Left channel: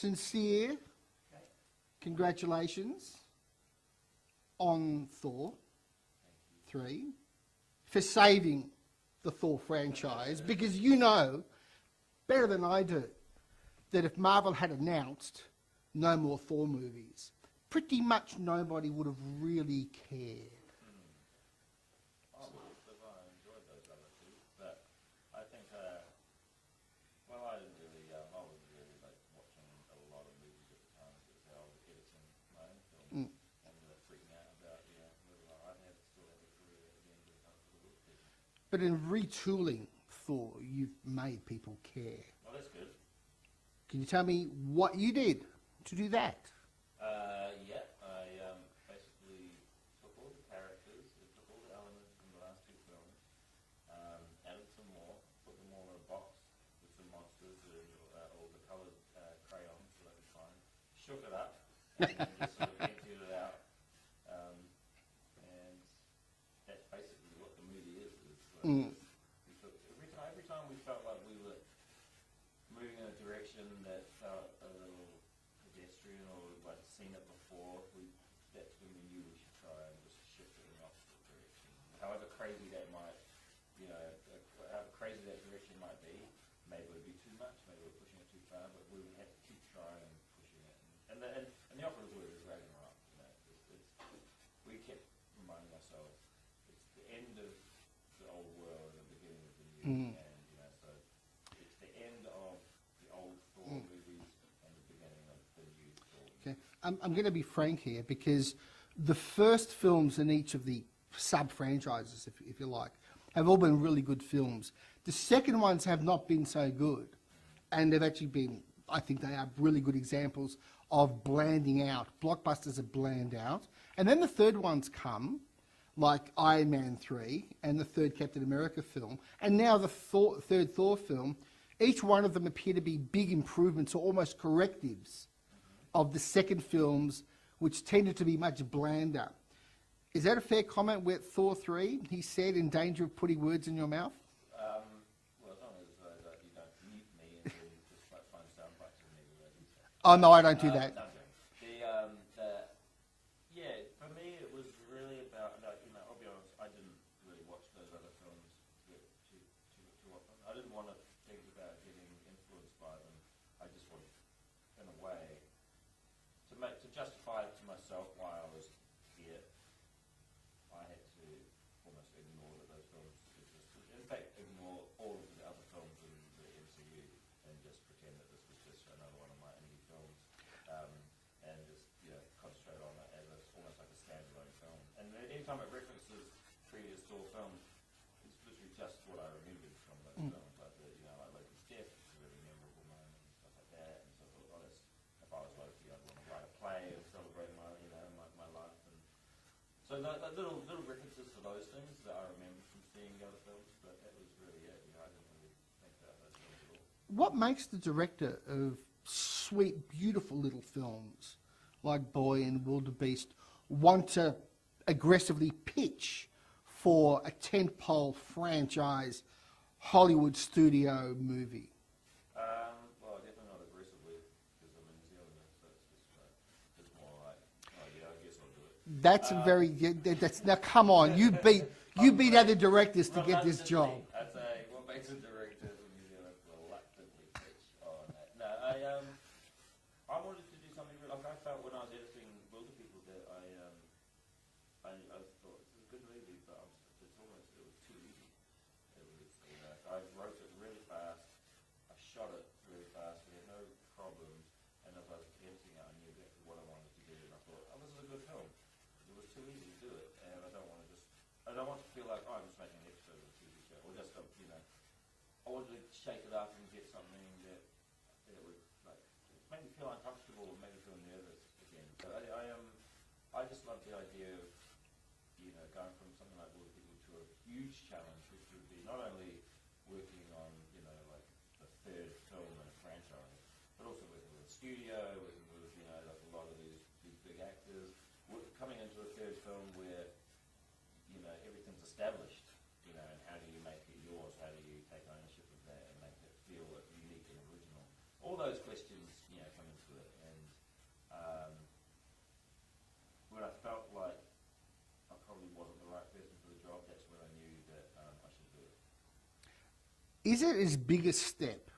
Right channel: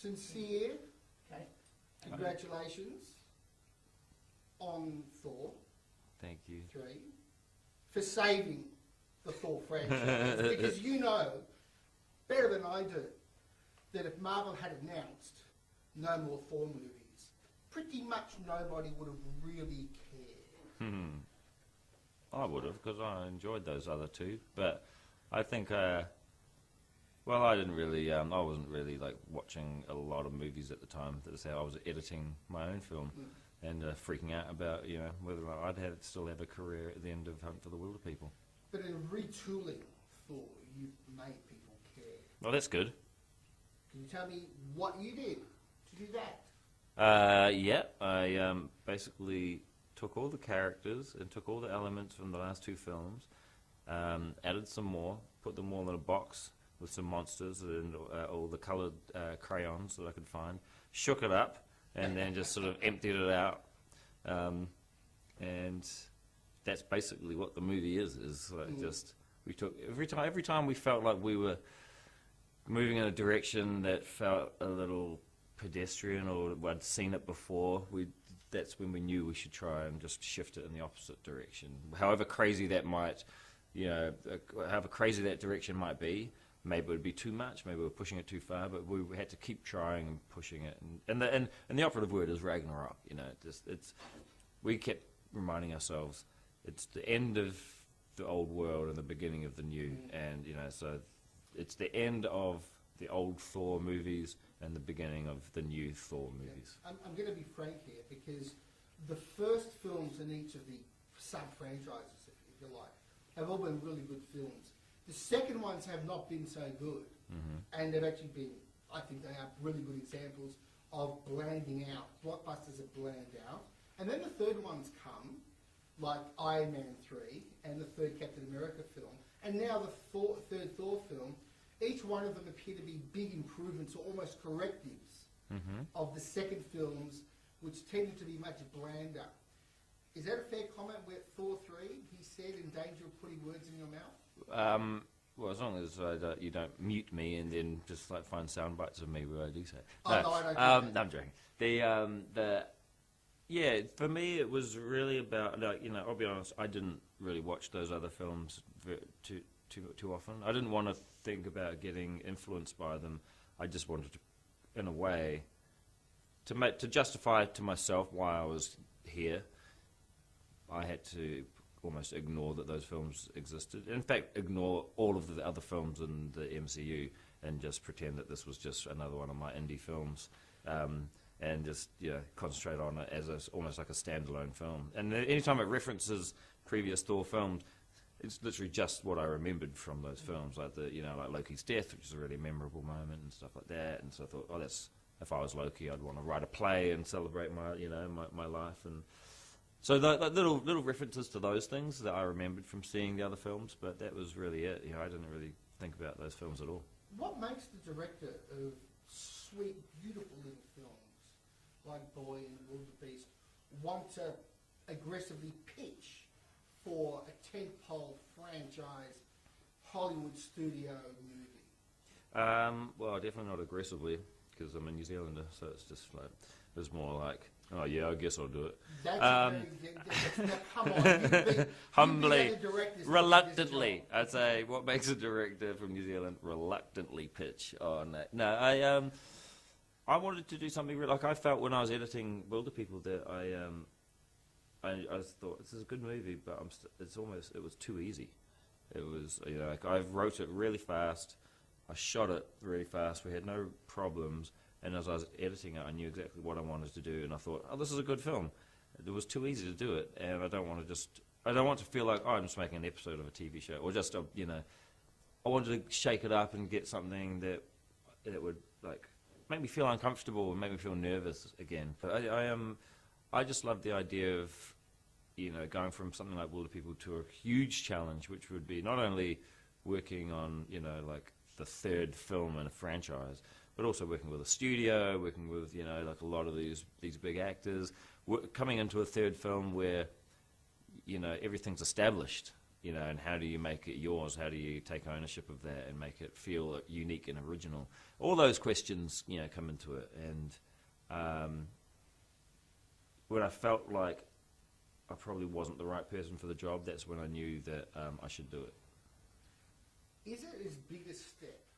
sincere congratulations on Thor. Thank you. 3 for saving the Thor franchise, because you know better than I do that if Marvel had announced no more Thor movies, pretty much nobody would have really cared. I would have, because I enjoyed those other two, but I think, well, I didn't really, I wasn't really like watching a lot of movies at the time. That's how I was editing my own film and freaking out about, you know, whether I'd still have a career at the end of Hunt for the Wilderpeople. But in retooling Thor, you've made people care. Well, that's good. Can you tell me what you did to do that? Yeah, I basically took all the characters and took all the elements from the last two films, added some more, put them all in a box with some monsters and all the coloured crayons that I could find, shook it up, and then just sort of emptied it out. And that's basically what the movie is like just, we took, every time we felt like we were moving in a direction that felt a little pedestrian or I'd seen it before, that's when we knew we should try and just shift it in the opposite direction. However crazy that might, you know, however crazy that direction might be, maybe it would be too much, maybe we're pushing it too far, but we had to keep trying and pushing it. And the operative word is Ragnarok, you know, we kept reminding ourselves, it's the end of the old world and the beginning of the new, and, you know, so it's the end of the old Thor movies and the beginning of the new Thor movies. I'm going to be frank here, because the first films in each of the sub-franchises, if you like, have all been really good films. The second ones have not been so good, and they've actually been, I think they are really good examples of blanding out. Blockbusters are bland out. And then the third ones come, like Iron Man 3 and the third Captain America film, and now the third Thor film. Each one of them appear to be big improvements or almost correctives of the second films, which tended to be much blander. Is that a fair comment with Thor 3? He said, in danger of putting words in your mouth? Well, as long as you don't mute me and then just like find sound bites of me where I do say. Oh, no, I don't do that. No, I'm joking. Yeah, for me it was really about, like, you know, I'll be honest, I didn't really watch those other films too often. I didn't want to think about getting influenced by them. I just wanted to, in a way, to justify to myself why I was here. I had to almost ignore that those films existed. In fact, ignore all of the other films in the MCU and just pretend that this was just another one of my indie films, and just, you know, concentrate on it as almost like a standalone film. And anytime it references previous Thor films, it's literally just what I remembered from those films, like like Loki's death, which is a really memorable moment and stuff like that. And so I thought, oh, if I was Loki, I'd want to write a play and celebrate my life. And so the little references to those things that I remembered from seeing the other films, but that was really it. You know, I didn't really think about those films at all. What makes the director of sweet, beautiful little films like Boy and Wildebeest want to aggressively pitch for a tentpole franchise Hollywood studio movie? Well, definitely not aggressively, because I'm a New Zealander, so it's just like, it's more like, oh yeah, I guess I'll do it. That's now come on, you beat other directors to get this job. Reluctantly, I'd say, what makes a director from New Zealand reluctantly pitch on that? No, I wanted to do something like I felt when I was editing Wilderpeople that I thought, this is a good movie, but it was too easy. It was, like I wrote it really fast, I shot it really fast, we had no problems, and as I was editing it, I knew exactly what I wanted to do, and I thought, oh, this is a good film. It was too easy to do it, and I don't want to feel like, oh, I'm just making an episode of a TV show, or just, I wanted to shake it up and get something that would, like, make me feel uncomfortable and make me feel nervous again. I just love the idea of, going from something like Wilderpeople to a huge challenge, which would be not only working on, like the third film in a franchise, but also working with a studio, working with, like a lot of these big actors, coming into a third film where, everything's established. you know, and how do you make it yours? How do you take ownership of that and make it feel unique and original? All those questions, you know, come into it. And when I felt like I probably wasn't the right person for the job, that's when I knew that I should do it. Is it as big a step,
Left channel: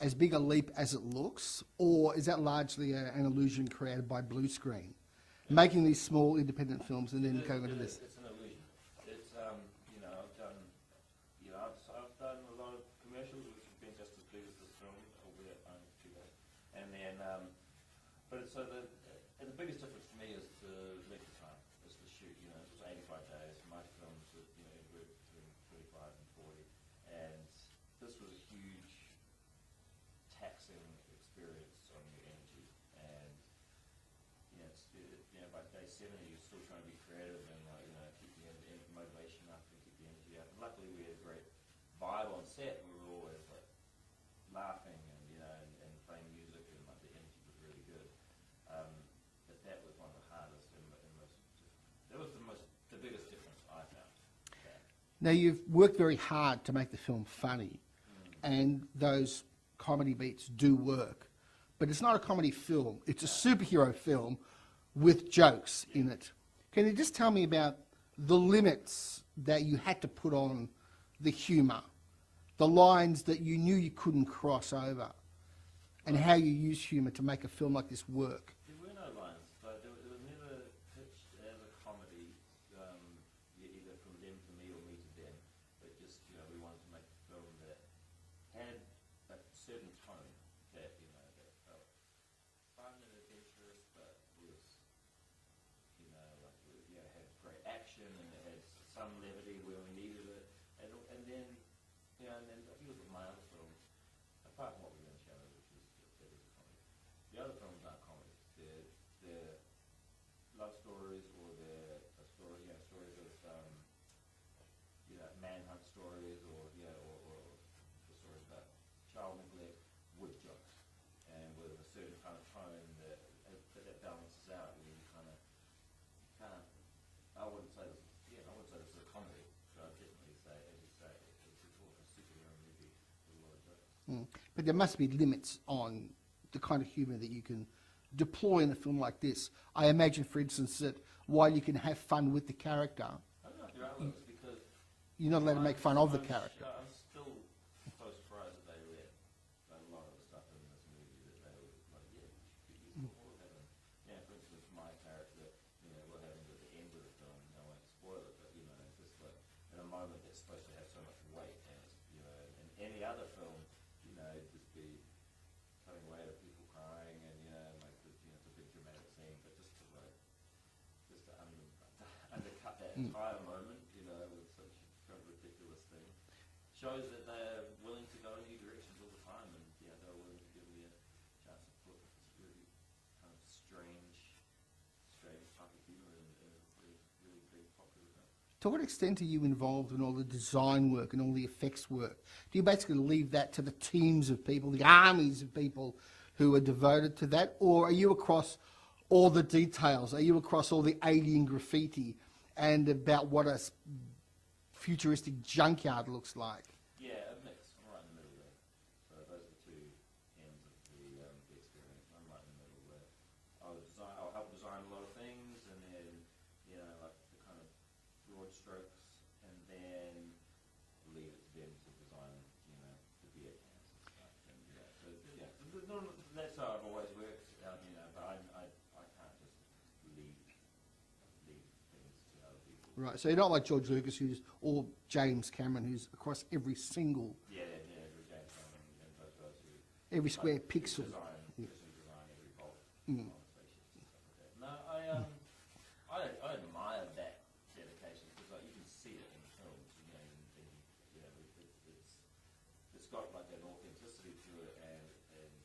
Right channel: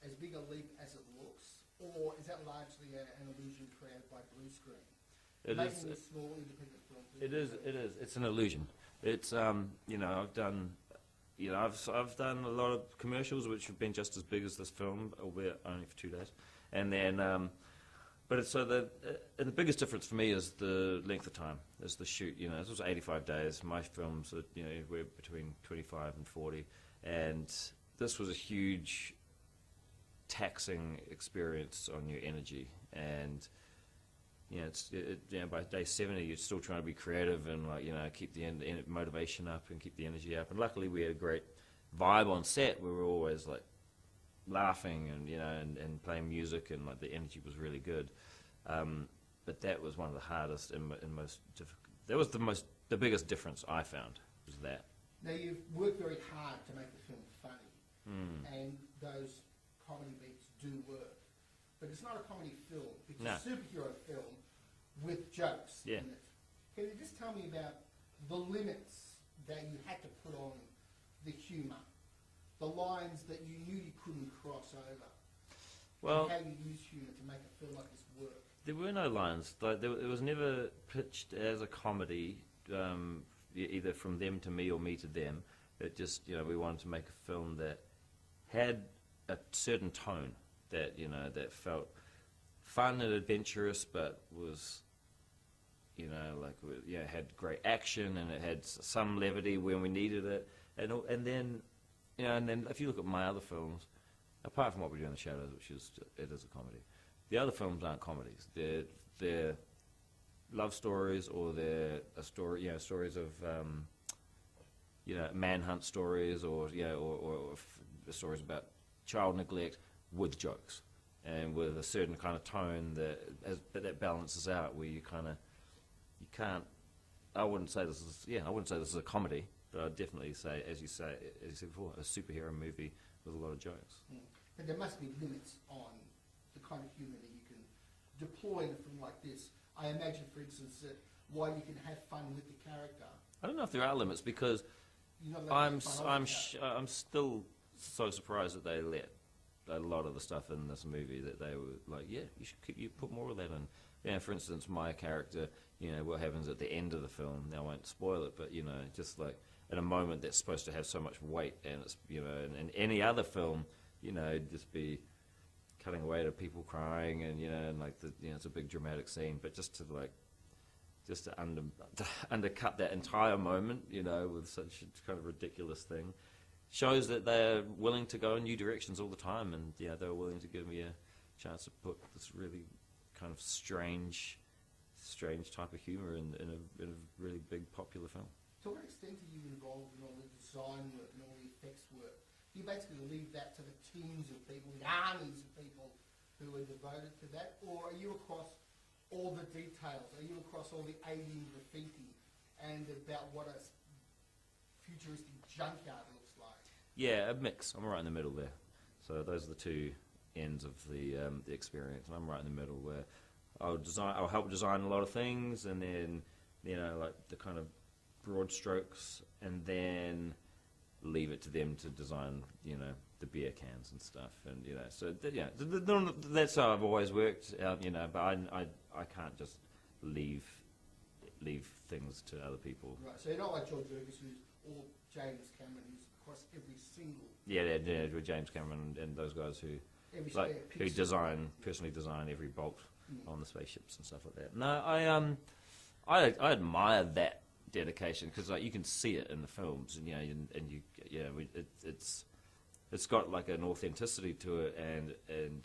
as big a leap as it looks, or is that largely an illusion created by blue screen? Making these small independent films and then going with this. It's an illusion. It's you know, I've done a lot of commercials which have been just as big as this film, albeit only for 2 days. And then but it's so the biggest difference for me is the length of time. Is the shoot. You know, this was 85 days. My films are, you know, were between 25 and 40, and this was a huge taxing experience on your energy. And you know, you know, by day 70, you're still trying to be creative and, like, you know, keep the motivation up and keep the energy up. And luckily, we had a great vibe on set. We were always like laughing and, you know, and playing music, and like the energy was really good. But that was one of the hardest and most difficult. That was the biggest difference I found. Was that. Now, you've worked very hard to make the film funny, and those comedy beats do work. But it's not a comedy film. It's a superhero film with jokes in it. Can you just tell me about the limits that you had to put on the humour, the lines that you knew you couldn't cross over, and how you use humour to make a film like this work? There were no lines. Like, it was never pitched as a comedy, either from them to me or me to them. It just, you know, we wanted to make a film that had a certain tone, that, you know, that felt fun and adventurous, but was, you know, like, you know, had great action, and it had some levity when we needed it, and then, you know, and then if you look at my other films, apart from What We Do in the Shadows, which is a comedy, the other films aren't comedies. They're love stories, or they're stories of you know, manhunt stories, or stories about child neglect, with jokes and with a certain kind of tone that balances out, where you can't. I wouldn't say this is a comedy, but I'd definitely say, as you said before, a superhero movie with a lot of jokes. But there must be limits on the kind of humour that you can deploy in a film like this. I imagine, for instance, that while you can have fun with the character, I don't know if there are limits, because you're not allowed to make fun of the character. I'm still so surprised that they let a lot of the stuff in this movie, that they were like, yeah, you put more of that in. Yeah, for instance, my character, you know, what happens at the end of the film, now I won't spoil it, but, you know, just like in a moment that's supposed to have so much weight, and it's, you know, in any other film, you know, just be cutting away to people crying, and, you know, and like it's a big dramatic scene, but just to undercut that entire moment, you know, with such a kind of ridiculous thing, shows that they're willing to go in new directions all the time, and yeah, they were willing to give me a chance to put this really kind of strange type of humour in a really big popular film. To what extent are you involved in all the design work and all the effects work? Do you basically leave that to the teams of people, the armies of people who are devoted to that, or are you across all the details? Are you across all the alien graffiti and about what a futuristic junkyard looks like? Yeah, a mix. I'm right in the middle there. So those are the two ends of the experience, and I'm right in the middle, where I'll help design a lot of things, and then, you know, like the kind of broad strokes, and then leave it to them to design, you know, the beer cans and stuff, and, you know, so that's how I've always worked, you know. But I can't just leave things to other people. Right. So you're not like George Lucas, or James Cameron, who's across every single. Yeah, with James Cameron and those guys who every square pixel. Who personally design every bolt on the spaceships and stuff like that. No, I admire that dedication, because like you can see it in the films, and it's got like an authenticity to it, and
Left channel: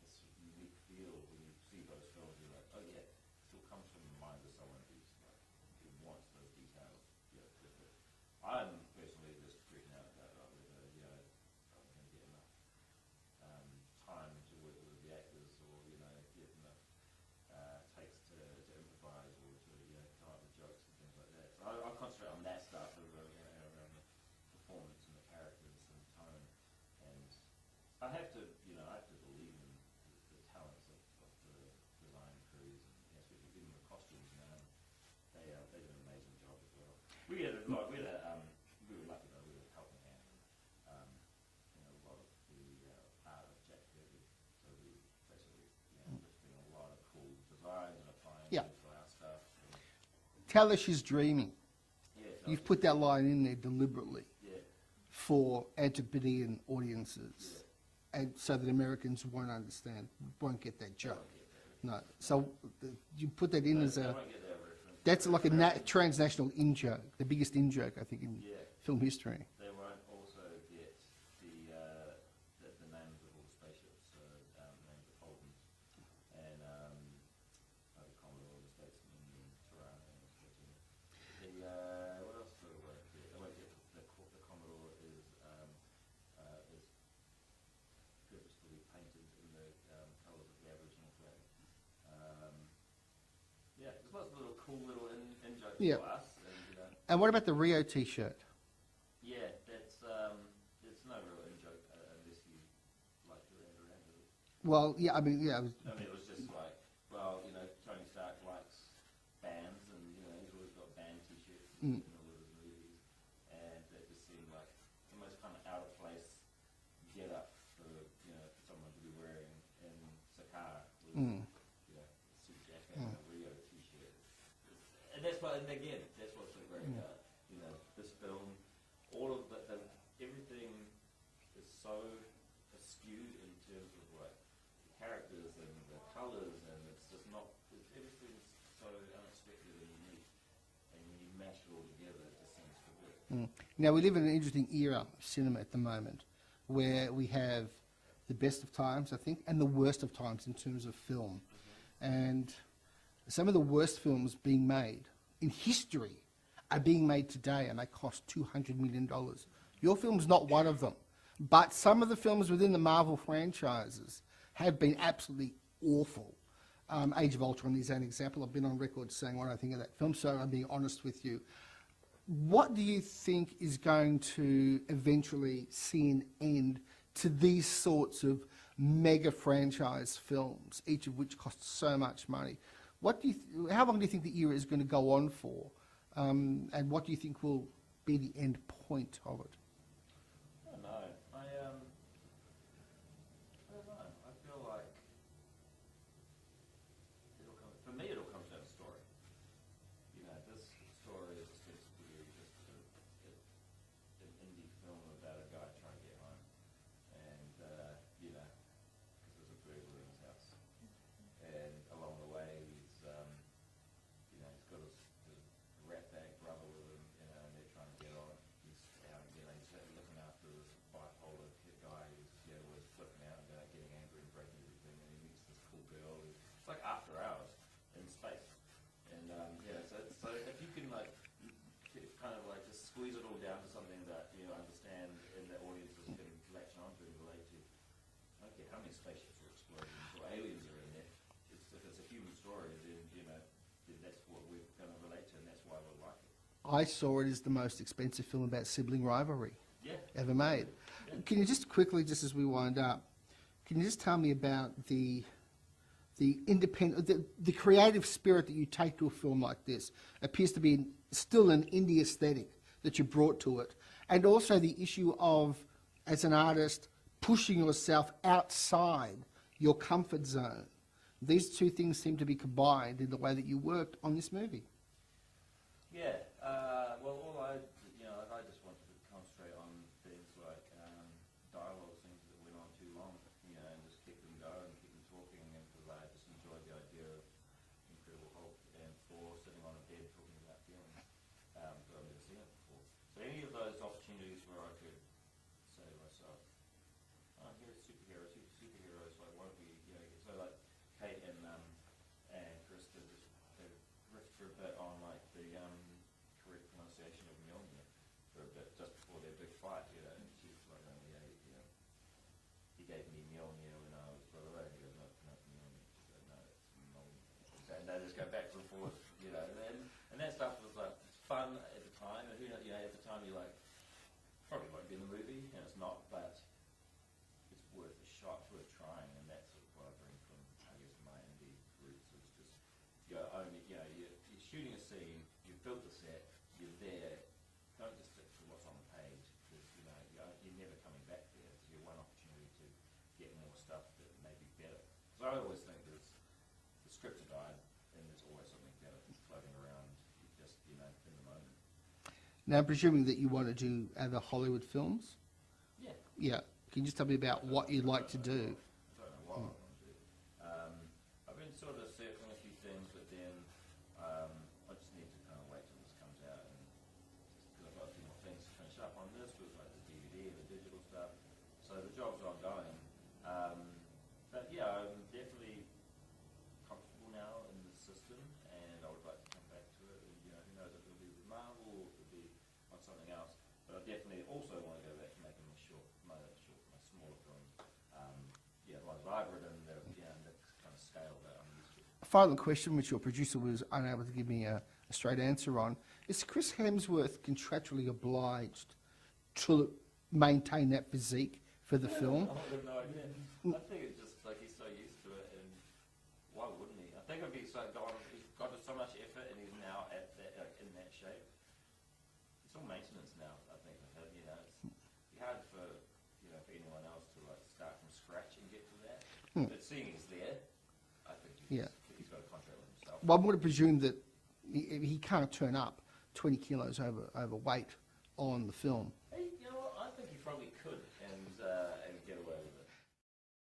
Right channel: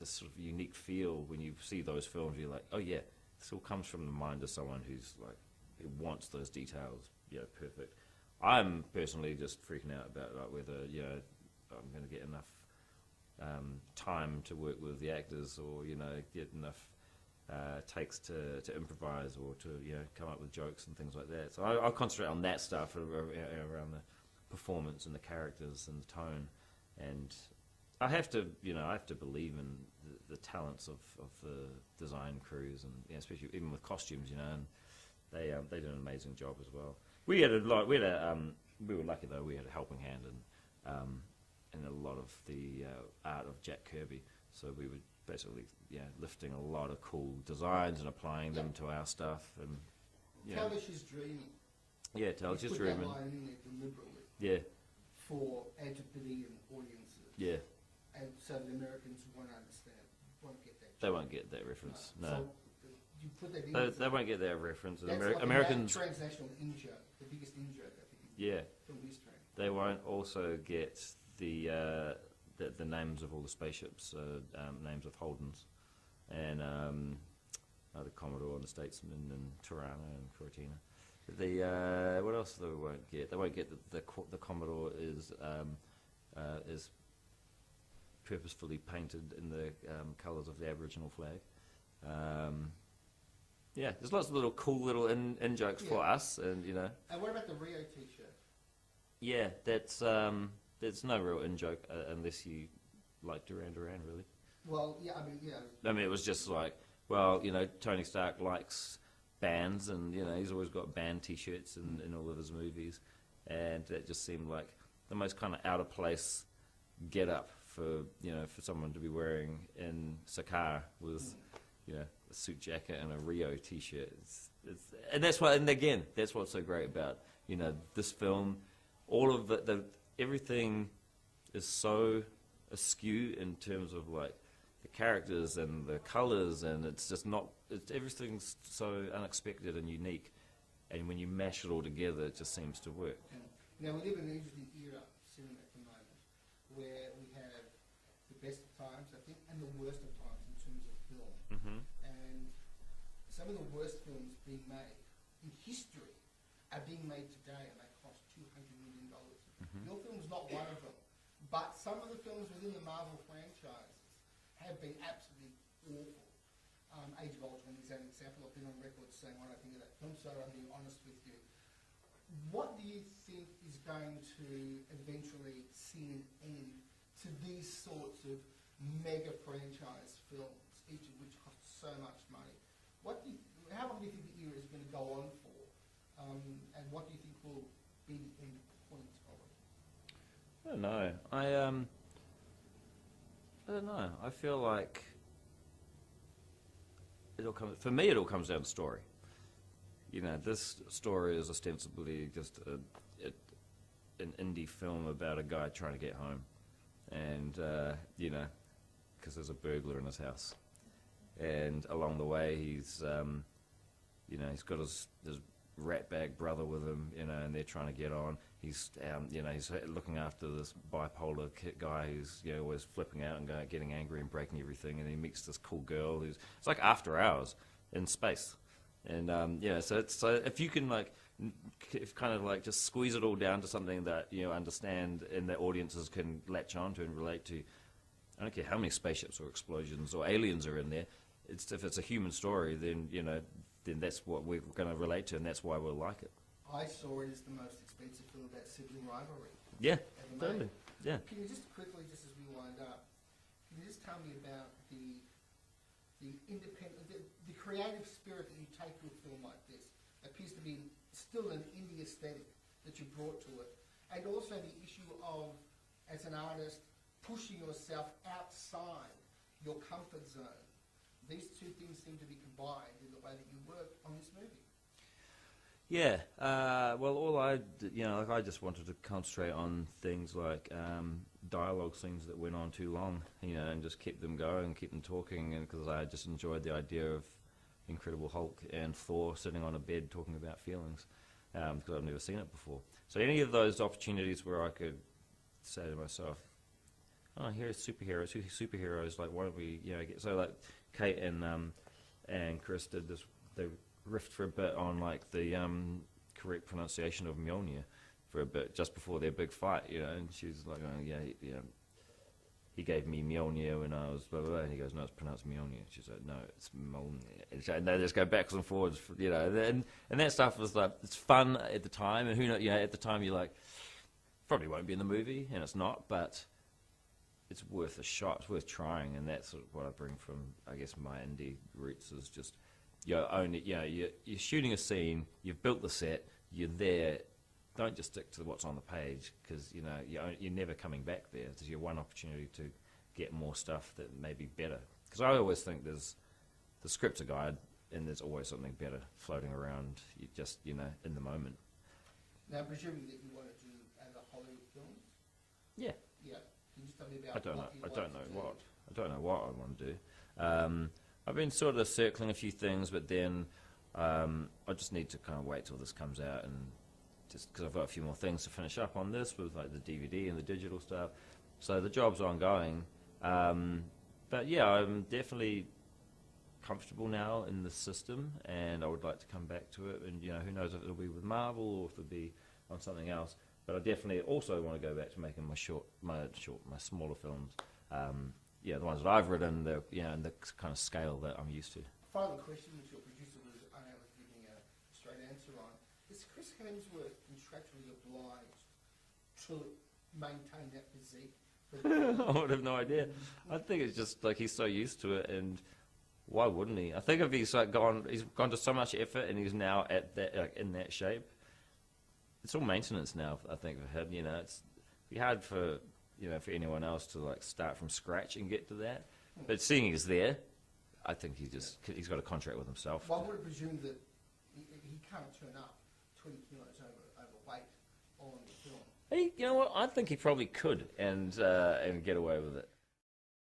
this sort of unique feel when you see those films. You're like, oh yeah, this all comes from the mind of someone who wants those details, perfect. I'm personally just freaking out about like whether I'm going to get enough time to work with the actors, or get enough takes to improvise or to come up with jokes and things like that. So I concentrate on that stuff around the performance and the characters and the tone, and I have to believe in the talents of the design crews, and especially even with costumes, and they do an amazing job as well. We had a lot. We were lucky though. We had a helping hand in a lot of the art of Jack Kirby. So we were basically lifting a lot of cool designs and applying them to our stuff. And Talish is dreaming. Yeah, you put that line in there deliberately. Yeah. For Antipodean audiences. Yeah. And so that Americans won't get that joke. They won't get that reference. No. So you put that in they won't get that reference. That's like a transnational in-joke, the biggest in-joke, I think, in film history. They won't also get the names of all the spaceships, names of Holdens, and the Commodore and the Statesman and Tirana and Cortina. What else they won't get? They won't get the Commodore is purposefully painted in the colours of the Aboriginal flag. There's lots of cool little in jokes for us, and And what about the Rio T-shirt? Yeah, that's no real in joke unless you like Duran Duran, really. Well, yeah, I mean, it was just like, well, Tony Stark likes bands, and he's always got band T-shirts in all of his movies, and that just seemed like the most kind of out of place get up for someone to be wearing in Sakar was a suit jacket and a Rio T-shirt. And that's why, and again, that's what's so great about this film. All of everything is so askew in terms of like the characters and the colors, and it's just not. Everything's so unexpected and unique, and when you mash it all together, it just seems to work. Now we live in an interesting era of cinema at the moment, where we have the best of times, I think, and the worst of times in terms of film. And some of the worst films being made in history are being made today, and they cost $200 million. Your film's not one of them. But some of the films within the Marvel franchises have been absolutely awful. Age of Ultron is an example. I've been on record saying what I think of that film, so I'm being honest with you. What do you think is going to eventually see an end to these sorts of mega franchise films, each of which costs so much money? How long do you think the era is going to go on for? And what do you think will be the end point of it? I don't know. I don't know. I feel like for me it all comes down to story. This story is ostensibly just an indie film about a guy trying to get home, and because there's a burglar in his house, and along the way he's got his ratbag brother with him, and they're trying to get on. He's looking after this bipolar guy who's always flipping out and getting angry and breaking everything, and he meets this cool girl it's like After Hours in space, and so if you can just squeeze it all down to something that understand and that audiences can latch onto and relate to. I don't care how many spaceships or explosions or aliens are in there. If it's a human story, then that's what we're going to relate to, and that's why we'll like it. I saw it as the most expensive film about sibling rivalry ever made. Totally. Yeah. Can you just quickly, just as we wind up, can you just tell me about the creative spirit that you take to a film like this? Appears to be still an indie aesthetic that you brought to it, and also the issue of, as an artist, pushing yourself outside your comfort zone. These two things seem to be combined in the way that you worked on this movie. Yeah, well, I just wanted to concentrate on things like dialogue scenes that went on too long, and just keep them going, keep them talking, and because I just enjoyed the idea of Incredible Hulk and Thor sitting on a bed talking about feelings, because I've never seen it before. So any of those opportunities where I could say to myself, "Oh, here's superheroes. Like, why don't we, get..." So like Kate and Chris did this. They riffed for a bit on like the correct pronunciation of Mjolnir for a bit just before their big fight, and she's like, "Oh, yeah, he gave me Mjolnir when I was blah, blah, blah, and he goes, no, it's pronounced Mjolnir. She's like, no, it's Mjolnir. And they just go backwards and forwards, you know, and that stuff was like, it's fun at the time, and who knows, you know, at the time you're like, probably won't be in the movie, and it's not, but it's worth a shot, it's worth trying, and that's sort of what I bring from, I guess, my indie roots is just, you're shooting a scene, you've built the set, you're there, don't just stick to what's on the page, because, you know, you're never coming back there. It's your one opportunity to get more stuff that may be better. Because I always think the script's a guide, and there's always something better floating around, you just, you know, in the moment. Now, presuming that you want to do other Hollywood films? Yeah. Yeah. Can you just tell me about what you'd like to do? I don't know what I want to do. I've been sort of circling a few things, but then I just need to kind of wait till this comes out, and just because I've got a few more things to finish up on this with like the DVD and the digital stuff. So the job's ongoing. But yeah, I'm definitely comfortable now in the system, and I would like to come back to it. And you know, who knows if it'll be with Marvel or if it'll be on something else. But I definitely also want to go back to making my smaller films. Yeah, the ones that I've written, and the kind of scale that I'm used to. A final question, which your producer was unable to give me a straight answer on, is Chris Hemsworth contractually obliged to maintain that physique for the film? I would have no idea. I think it's just like he's so used to it, and why wouldn't he? I think if he's like he's gone to so much effort, and he's now at that in that shape. It's all maintenance now. I think for him, you know, it'd be hard for anyone else to like start from scratch and get to that. But seeing he's there, I think he's got a contract with himself. Well, I'm going to presume that he can't turn up 20 kilos overweight on the film. You know what? I think he probably could and get away with it.